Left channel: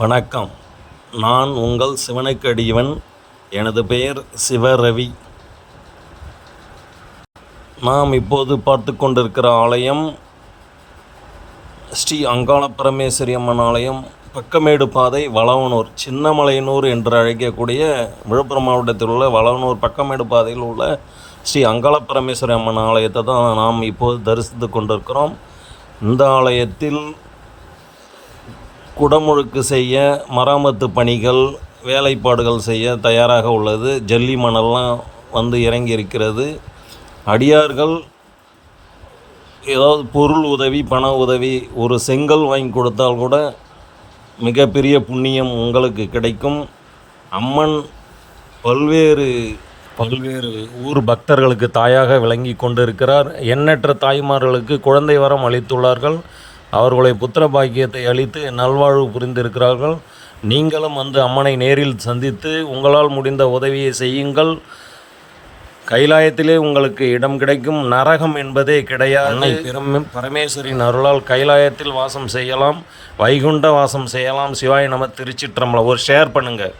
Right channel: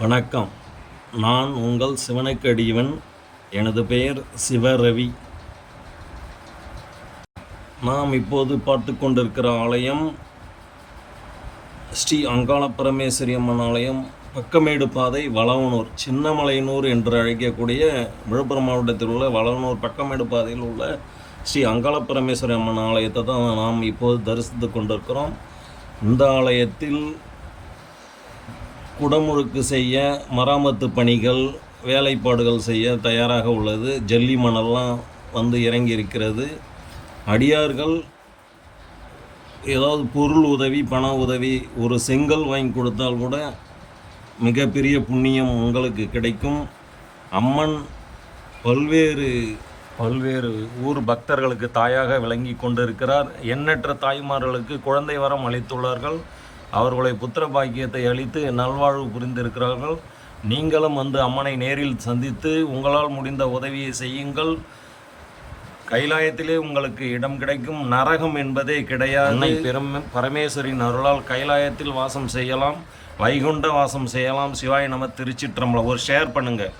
வணக்கம். நான் உங்கள் சிவனுக்கு அடியவன். எனது பெயர் சிவரவி. நாம் இப்போது பார்த்து கொண்டிருக்கிற ஆலயம் ஸ்ரீ அங்காள பரமேஸ்வரி அம்மன் ஆலயம், பக்கமேடு பாதை, வளவனூர், சின்னமலையனூர் என்று அழைக்கக்கூடிய விழுப்புரம் மாவட்டத்தில் உள்ள வளவனூர் பக்கமேடு பாதையில் உள்ள ஸ்ரீ அங்காள பரமேஸ்வரி அம்மன் ஆலயத்தை தான் நாம் இப்போது தரிசித்து கொண்டிருக்கிறோம். இந்த ஆலயத்தில் குடமுழுக்கு செய்ய, மராமத்து பணிகள், வேலைப்பாடுகள் செய்ய தயாராக உள்ளது. ஜல்லி மணல்லாம் வந்து இறங்கி இருக்கிறது. அடியார்கள் ஏதாவது பொருள் உதவி, பண உதவி, ஒரு செங்கல் வாங்கி கொடுத்தால் கூட மிகப்பெரிய புண்ணியம் உங்களுக்கு கிடைக்கும். அம்மன் பல்வேறு ஊர் பக்தர்களுக்கு தாயாக விளங்கி கொண்டிருக்கிறார். எண்ணற்ற தாய்மார்களுக்கு குழந்தை வரம் அளித்துள்ளார்கள். அவர்களை புத்திர பாக்கியத்தை அளித்து நல்வாழ்வு புரிந்திருக்கிறார்கள். நீங்களும் வந்து அம்மனை நேரில் சந்தித்து உங்களால் முடிந்த உதவியை செய்யுங்கள். கைலாயத்திலே உங்களுக்கு இடம் கிடைக்கும். நரகம் என்பதே கிடையாது. பரமேஸ்வரின் அருளால் கைலாயத்தில் வாசம் செய்யலாம், வைகுண்ட வாசம் செய்யலாம். சிவாய நம. திருச்சிற்றம்பலம். ஒரு ஷேர் பண்ணுங்கள்.